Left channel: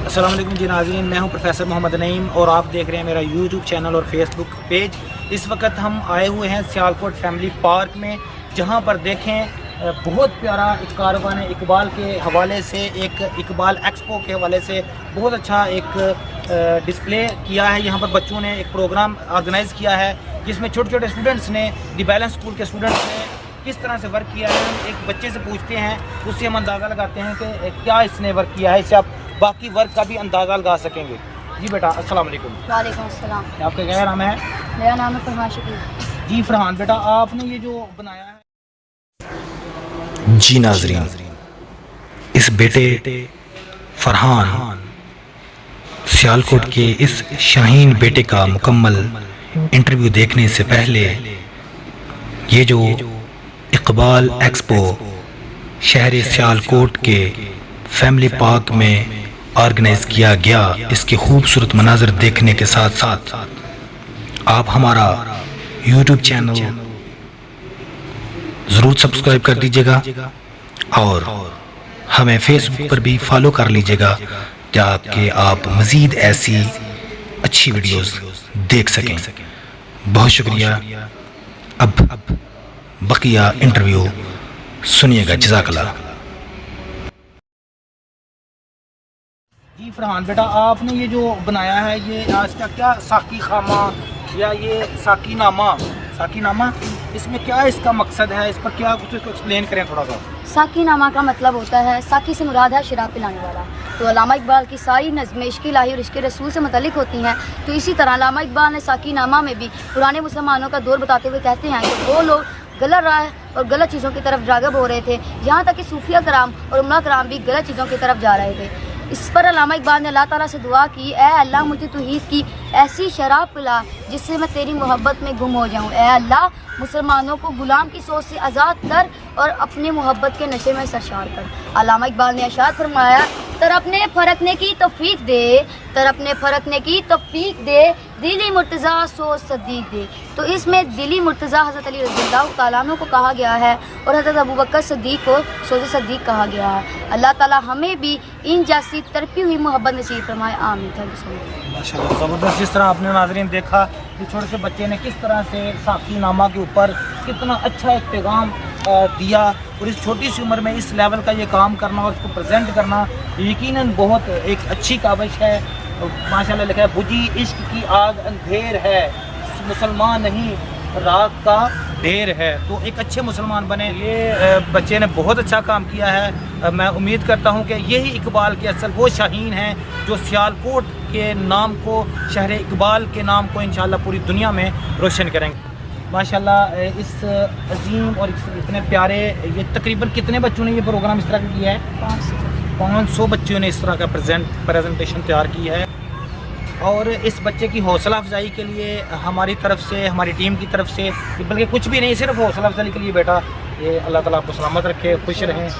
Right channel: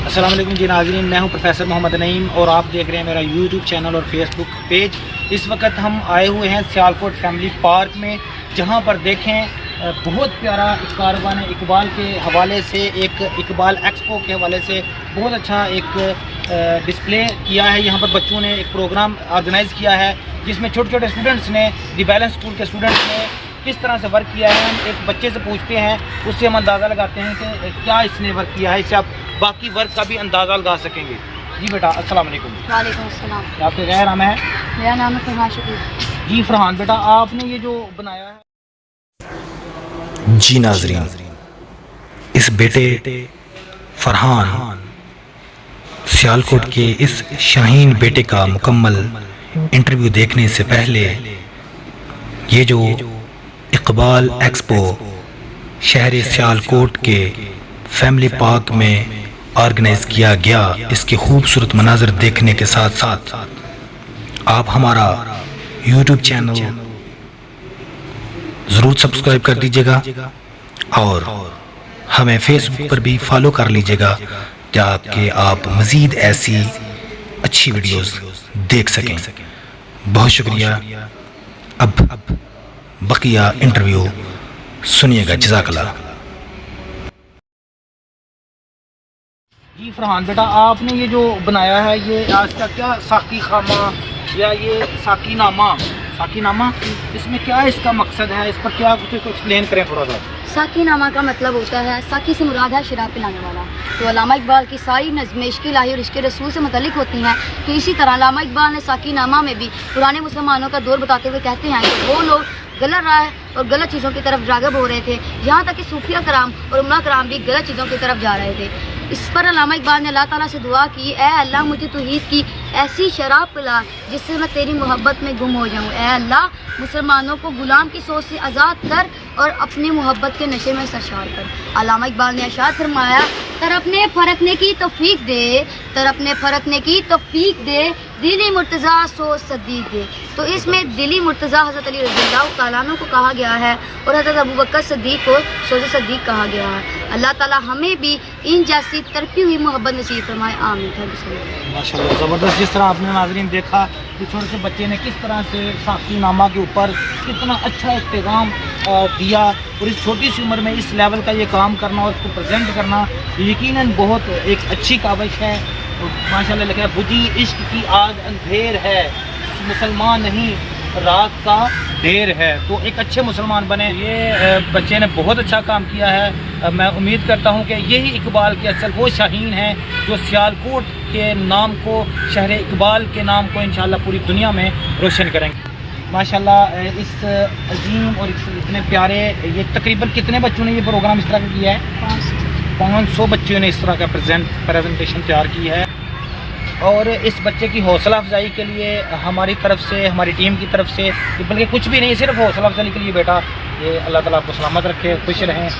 अस्सलाम वालेकुम जी नाज़रीन, मैं हूं प्रोफेसर मोहम्मद नईम और आप देख रहे हैं मेरा यूट्यूब चैनल और फेसबुक पेज। इस वक्त हम आए हुए हैं सियालकोट फैमिली पार्क में, जहां पर देखें बहुत प्यारा एक कारवान इकबाल के हवाले से, एक इकबाल एक्सपो के हवाले से बहुत अच्छा एक डिस्प्ले किया है। यहाँ पर बच्चों ने एक प्रोग्राम ऑर्गेनाइज़ किया है जिसमें छोटे छोटे स्टूडेंट्स ने, दी बैलेंस स्कूल के स्टूडेंट्स ने किस तरह से वर्क किया है। हम एक बच्चे से पूछते हैं, उससे हम अंदाज़ा लगाते हैं कि क्या इसने वर्क किया है, इससे आप बाकी वर्क का भी अंदाज़ा लगा सकेंगे। जी बेटा अस्सलाम वालेकुम। वालेकुम अस्सलाम। आपका क्या नाम है? मेरा नाम है फरहान शकील। जी फरहान बेटा, आपने ये जो बनाया है। जी नाज़रीन, इस बेटे फरहान सियालकोट के इस शाहीन बेटे का मुकम्मल इंटरव्यू देखने से पहले ये जो इकबाल एक्सपो शहर सियालकोट के फैमिली पार्क में ऑर्गेनाइज किया गया, इसके खूबसूरत मनाज़र देखने के साथ साथ आप हमारा यूट्यूब चैनल ज़रूर सब्सक्राइब कर दीजिएगा और हमें फेसबुक पर भी फॉलो कर लीजिएगा ताकि आप मज़ीद ऐसी अच्छी वीडियोस देख सकें। बहुत शुक्रिया। अब बकिया इंटरव्यू सुनिएगा। जज़ाकल्लाह। जी फरहान बेटा, आपने ये जो बनाया है, ये आज का क्या साकी खामा या ये साकीनामा, इसमें क्या इसका मकसद है, इस पर क्या कुछ एक्सप्लेन करें थोड़ा सा। साकीनामा का मतलब होता है, साकी से मुराद है शराब पिलाने वाला। तो अल्लामा इकबाल की सारी नज़्में इश्क़ इलाही और इश्क़ रसूल से मुतल्लिक़ होती हैं। तो इसी तरह अल्लामा इकबाल ने साकीनामा में भी पुराने मुसलमानों का दौर बताते हुए कहते हैं कि वो लोग गलत राह और गलत चीज़ों की तरफ राग़िब हो रहे थे, यहाँ तक कि सूफिया कराम और उम्मा कराम भी गलत चीज़ों की तरफ जा रहे थे। इस पर अल्लामा इकबाल ने अल्लाह ताला से दुआ की, ऐ अल्लाह मुझे तौहीद की ऐसी शराब पिला जिससे मैं तेरी मोहब्बत में गुम हो जाऊँ। ऐ अल्लाह मुसलमानों को गुलाम की सोच से आज़ाद कर और अपने मोहब्बत के नशे में सरशार कर। अल्लामा इकबाल ने इरशाद फरमाया, तरपने फरकने की तौफीक दे, तरपने फरकने की तौफीक दे, दिली मुर्तज़ा सोच सदीक दे। तो इसमें दिली मुर्तज़ा हज़रत अली रज़ियल्लाहु तआला अन्हु को कहा गया है और हज़रत अबू बकर सिद्दीक़ को सोच सदीक कहा गया है। अल्लाह ताला हमें भी इन जैसी तरपी हुई मोहब्बत नसीब फरमाए, आमीन। Thank you so much. माशाल्लाह ज़बरदस्त। जिस तरह आपने नाज़रीन देखा कि छोटे से बच्चे ने किस तरह से साकीनामा के ऊपर कितना अच्छा एक पैगाम दिया, और इस छोटी सी उम्र में इस लेवल का ये काम करना और इसको प्रेजेंट करना यकीनन बहुत एक अच्छी काबिश है। माशाल्लाह लिखा है, बुझी इश्क की आग अंधेर है, मुसलमान नहीं रात का ढेर है। तो एक अच्छे मुसलमान बने। ये बच्चे ने बहुत अच्छा काम किया है। मैं उम्मीद करता हूँ कि यही इकबाल के असल वो शाहीन हैं जो सियालकोट के नाम को, शहर इकबाल के नाम को इंशाअल्लाह पूरी दुनिया में रोशन करेंगे। माशाल्लाह इस अजीम और इतने प्यारे, ये तकरीबन कितने बच्चों ने ये प्रोग्राम इस तरह का किया है? 500 बच्चों ने इस तरह का प्रेजेंटेशन तैयार की है। और इस बच्चे की हौसला अफजाई के लिए हमारी तरफ से, हमारी टीम की तरफ से, बल्कि कुछ भी नहीं, सिर्फ हौसला अफजाई के लिए बेटा, ये अल्लाह ताला आपको सलामत रखे, खुश रहें।